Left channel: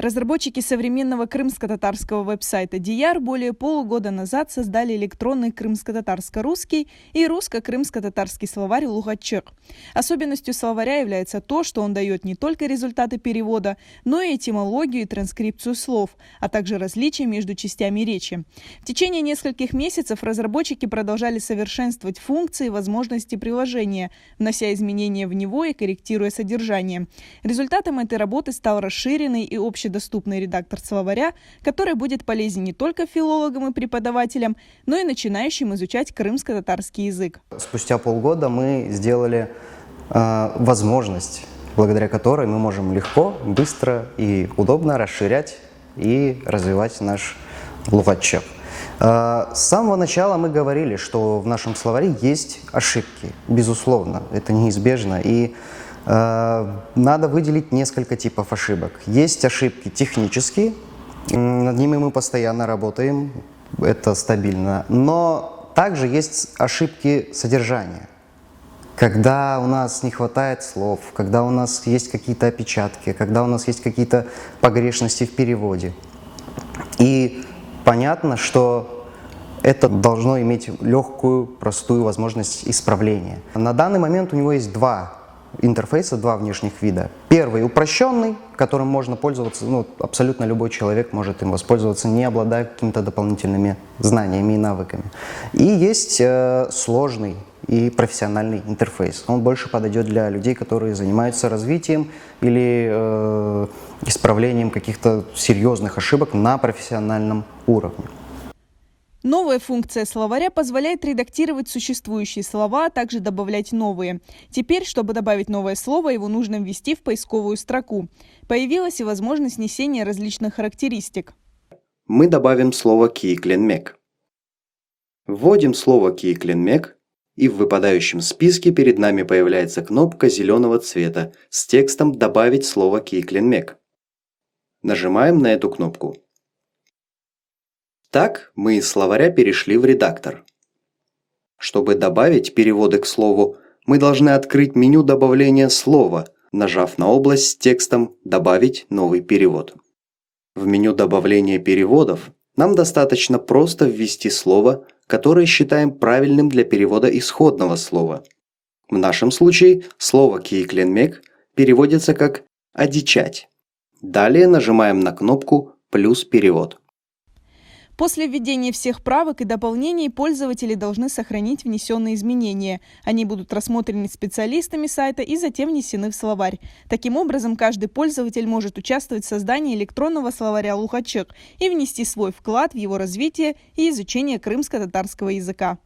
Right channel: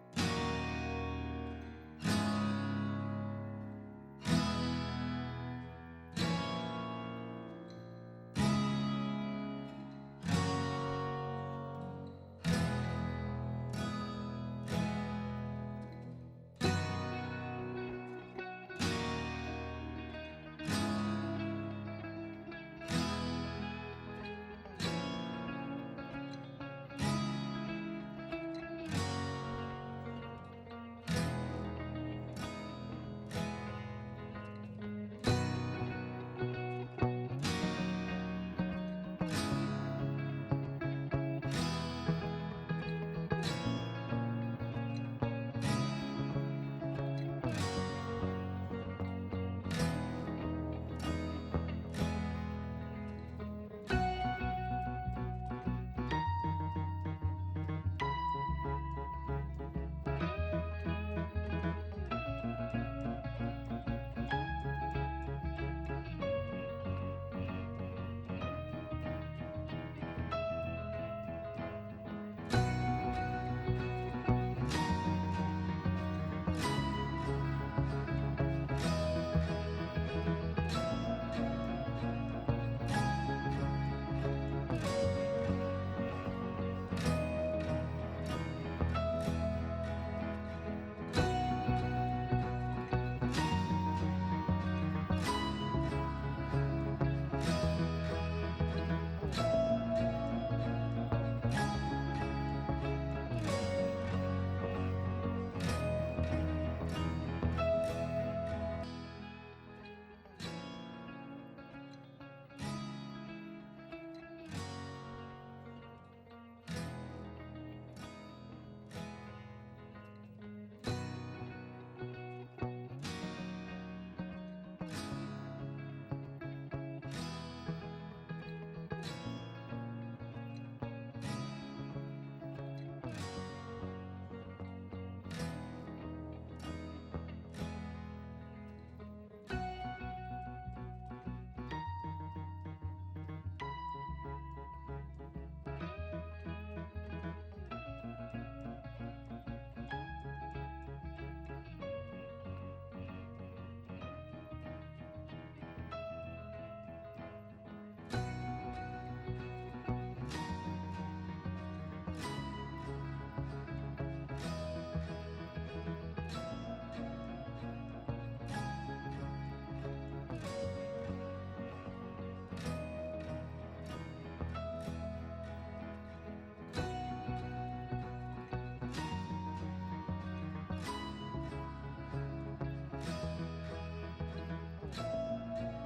Разработчики современного крымско-татарского веб-сайта Diyar более полугода назад создали электронный крымско-татарско-русский и русско-крымско-татарский словарь «Лугаччык». Особенностью словаря является то, что он дает не только результаты перевода, но и этимологию и транскрипцию слов, а также различия между частями речи. В течение нескольких месяцев разработчики продолжали совершенствовать функции и возможности приложения, внося изменения в него и корректируя содержание. Результатом этой работы стал расширенный и общедоступный редактор словаря, который будет полезен не только филологам и преподавателям, но и начинающим изучать крымско-татарский язык. Спустя полгода мы сделали возможность, благодаря которой мы можем легко, быстро и удобно расширять и развивать наш лугаччык. С самого начала мы говорили, что в нашем словаре есть ошибки, безусловно, это неизбежно. И надо выделить несколько типов ошибок. Есть ошибки технические, над ними мы постоянно работаем, это стабильно. Но также есть ошибки содержания. Когда у нас не хватает слов, когда у нас есть какие-то опечатки, когда у нас есть какие-то погрешности в переводе. И понятно, что это должно иметь легкую, простую возможность исправления. На данный момент у него есть два интерфейса, два внешних вида. Первый упрощенный, которым можно пользоваться, абсолютно любой человек может им воспользоваться, не обладая какими-то дополнительными знаниями и навыками. И есть сложный и профессиональный интерфейс. Он больше подойдет для людей, которые занимаются развитием или исправлением каких-то серьезных ошибок на профессиональном уровне. Новая функция словаря позволяет редактировать существующие слова, а также добавлять новые. Теперь, чтобы добавить новое слово, его нужно ввести в поисковую строку. Появилась и возможность внесения различных характеристик. Мы добавим слово «киикленмек». Вводим слово «киикленмек», и в выпадающем списке перед нами появляется кнопка зеленого цвета с текстом «Добавить слово «киикленмек». Нажимаем на эту кнопку. Так мы из словаря перешли в редактор. Чтобы добавить переводы к слову, мы должны открыть меню добавления слова, нажав на область с текстом «Добавить новый перевод». В меню добавления переводов нам достаточно просто ввести слово, которое считаем правильным для перевода исходного слова. В нашем случае слово «киикленмек» переводится как «одичать». Далее нажимаем на кнопку «Плюс перевод». После введения всех правок и дополнений пользователи должны сохранить внесенные изменения. Они будут рассмотрены специалистами сайта и затем внесены в словарь. Таким образом, каждый пользователь может участвовать в создании электронного словаря «Лугаччык» и внести свой вклад в его развитие и изучение крымско-татарского языка.